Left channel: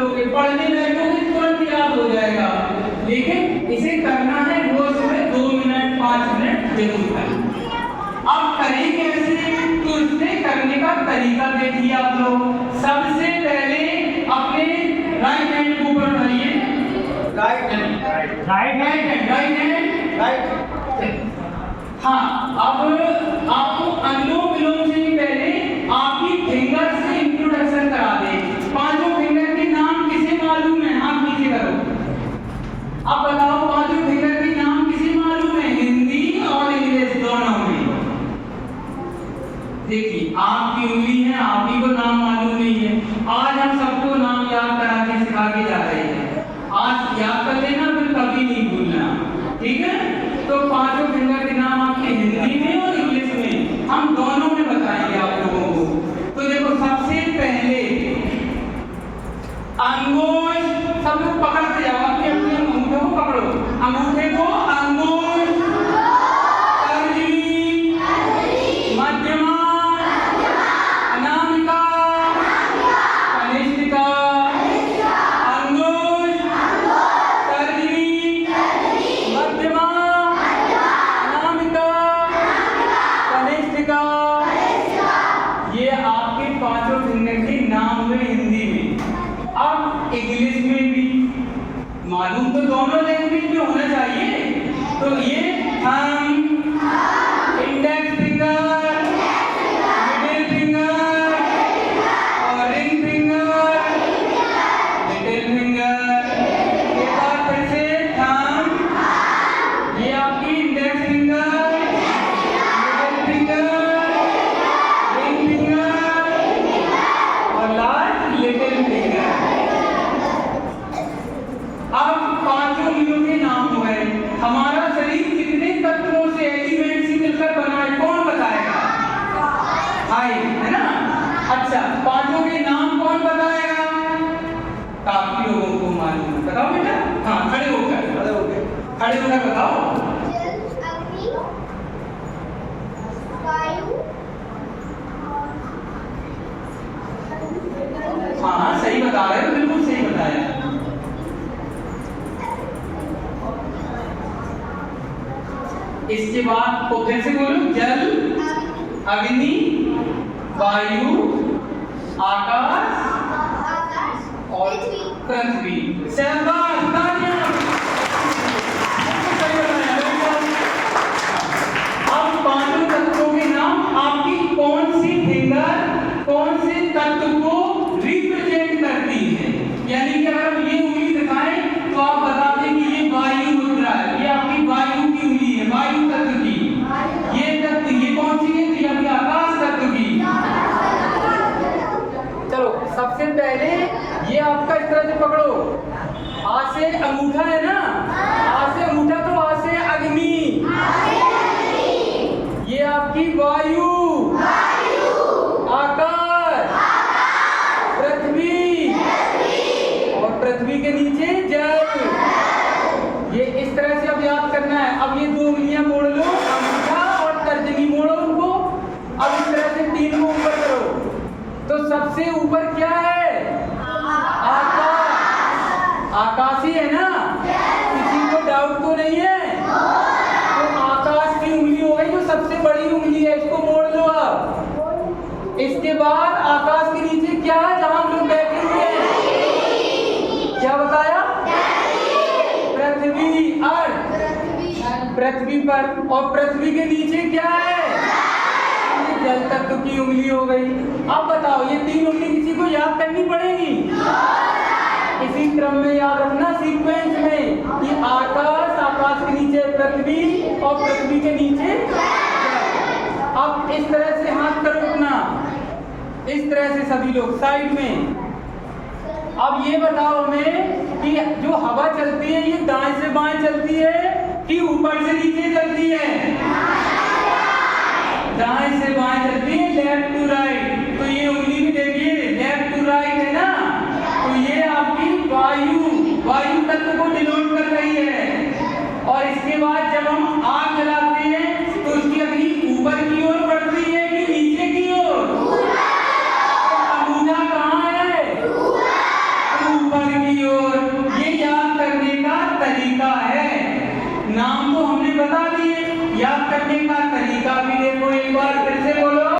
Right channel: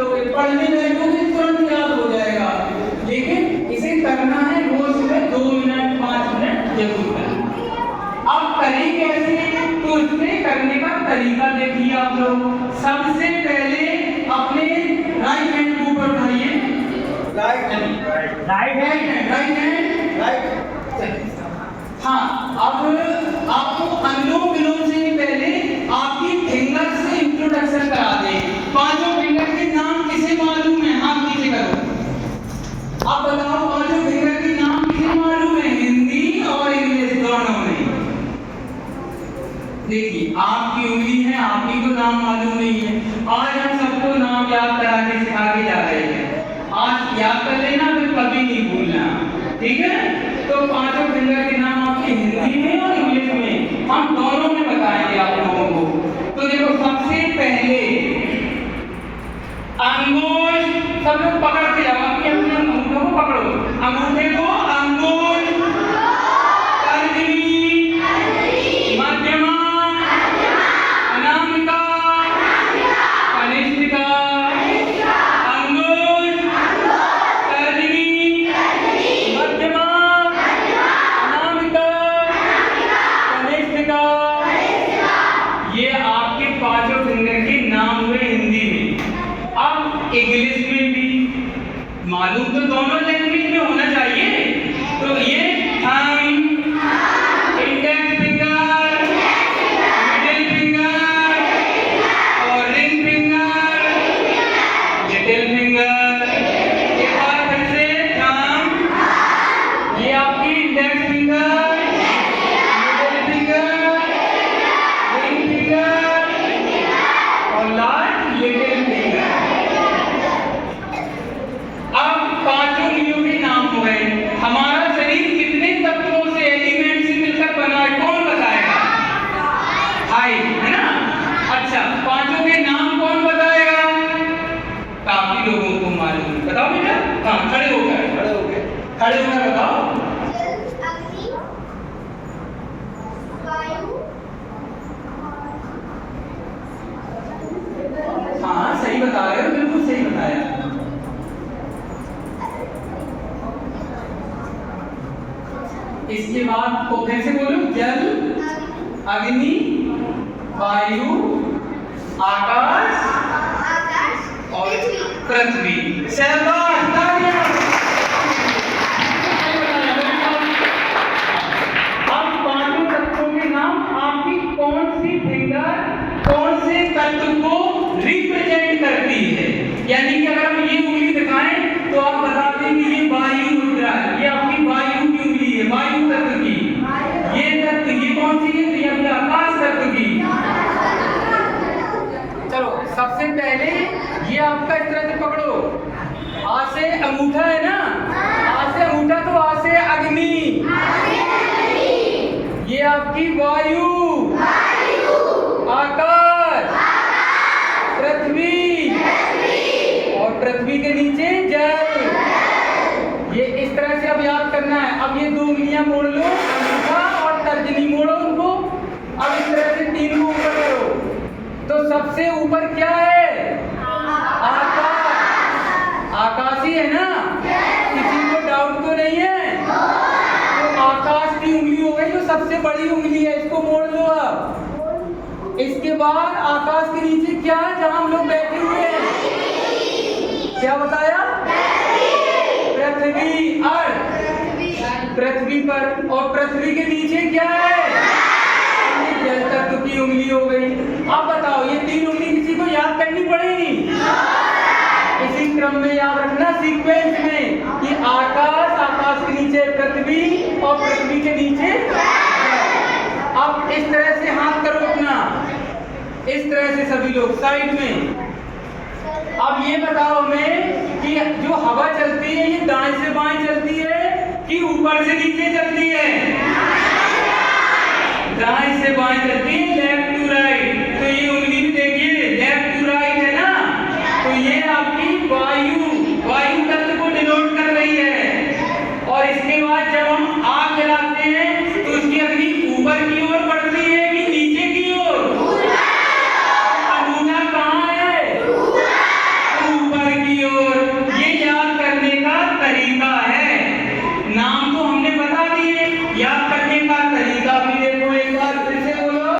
लोगे, पढ़ने बैठोगे तुरंत याद हो जाएगा, लेकिन इसे करना है रोज सुबह 2 मिनट 5 मिनट जरूर करना। अब करें कैसे, तो इससे करने का तरीका देखिए आप लोग। सबसे पहले अपने राइट हैंड को ऊपर उठाइए, राइट हैंड, हाँ। अब आपको अनुलोम विलोम से पहले आपकी फिंगर से इंट्रोडक्शन करा दे। पांचों फिंगर के नाम किसे मालूम है, हाथ नीचे करो। अब बताओ पांचों फिंगर के नाम किसे मालूम है, हिंदी और इंग्लिश दोनों में। देखिए आपकी उंगली है, आप ही को नाम मालूम नहीं है। आज हम सबको नाम याद करा के सिखा के जा रहे हैं। आज याद कर लेना, फिर कभी नहीं भूलना, ठीक है। तो पांचों फिंगर के नाम आपके हिंदी में और इंग्लिश में, हम दोनों में बताएंगे आप लोगों को। तो देखो सबसे पहले अंगूठ, सब लोग पकड़ते जाओ, अपने अपने अंगूठों को पकड़ो, अंगूठे को अंगूठ, तर्जनी, मध्यमा, अनामिका, कनिष्ठिका, अंगूठ, तर्जनी, मध्यमा, अनामिका, कनिष्ठिका। ये आपके पांचों फिंगर के नाम हुए हिंदी में। अब इंग्लिश में भी मालूम तो दोनों लैंग्वेज में होना चाहिए। तो ये thumb, index finger, middle finger और रिंग फिंगर, लिटिल फिंगर। एक बार फिर से थंब, ये आपकी index finger, middle finger, ring finger और लास्ट लिटिल फिंगर। अब पांचों उंगलियों के नाम हो गए। हमारा शरीर कितने तत्वों से, एलिमेंट से मिलकर बना है, कौन बताएगा? हाय, है ना। अच्छा, पांचों के नाम कौन बताएगा? काफी लोगों को मालूम है, बताओ बेटा। हाँ, खड़े होकर बताओ। अग्नि, वायु, हाँ सही बता रहे हो, बिल्कुल सही बताया। इसके बाद को फिर से बोलो, जल, अग्नि, वायु, आकाश और पृथ्वी। शाबाश, तालियां। अब पांचों तत्वों के नाम आपकी कौन सी फिंगर कौन से तत्व को रिप्रेजेंट करती है। यानी कि अगर हम ये उंगली दिखाएं तो आप बता दें कि ये वायु मुद्रा है, ये आपकी वायु की उंगली है, वायु तत्व की। ये तत्व, ये कौन सी है, ये अपनी आकाश तत्व की। चलो सबसे पहले ये आपका इस तरह से पकड़ो, आज से अंगूठा है ना, आज से अंगूठा, तो आज से अग्नि, ये आपकी वायु, आकाश, पृथ्वी और पृथ्वी के नीचे जल। ये इस तरह से अब याद करना है। अब ये दो उंगलियां मोड़ लो, अंगूठा और तर्जनी मोड़ो उनको। अब इस तरह से तीन को ऊपर करो, तो सबसे ऊपर क्या है? आकाश, आकाशी है ना, किसी को डाउट तो नहीं है। तो आकाश की उंगली हो गई, जो सबसे बड़ी उंगली है, इसको मोड़ लो। अब इसके बाद आकाश के नीचे क्या है, जहां हम लोग बैठे हुए हैं, क्या बताया? पृथ्वी, अर्थ, पृथ्वी पर। और पृथ्वी के नीचे क्या है? जल तत्व की उंगली हो गई। अब बताओ, ये तीन उंगली किसी को याद करनी पड़ेगी? इसी क्रम में याद रखना, सीक्वेंस में, कि आकाश, आकाश के नीचे पृथ्वी और पृथ्वी के नीचे जल। अब इस तरह से हाथ करो अपना, इस तरह से सभी लोग साइड में। अब ये बताओ हमें कि जो हवा चलती है, ये दाएं से बाएं चलती है कि ऊपर से नीचे चलती है? दाएं से बाएं चलती है, लेफ्ट टू राइट। तो ये उंगली भी देखिए, लेफ्ट टू राइट है ना, तो ये आपकी वायु, वायु तत्व को डिनोट कर रही है। और इसके बाद जब हम आग जलाते हैं तो उसकी अग्नि ऊपर की ओर बढ़ती है कि नीचे की ओर? अंगूठा कहाँ है? ऊपर। लिखने का तरीका भी देखो, एक बार फिर से बोलो।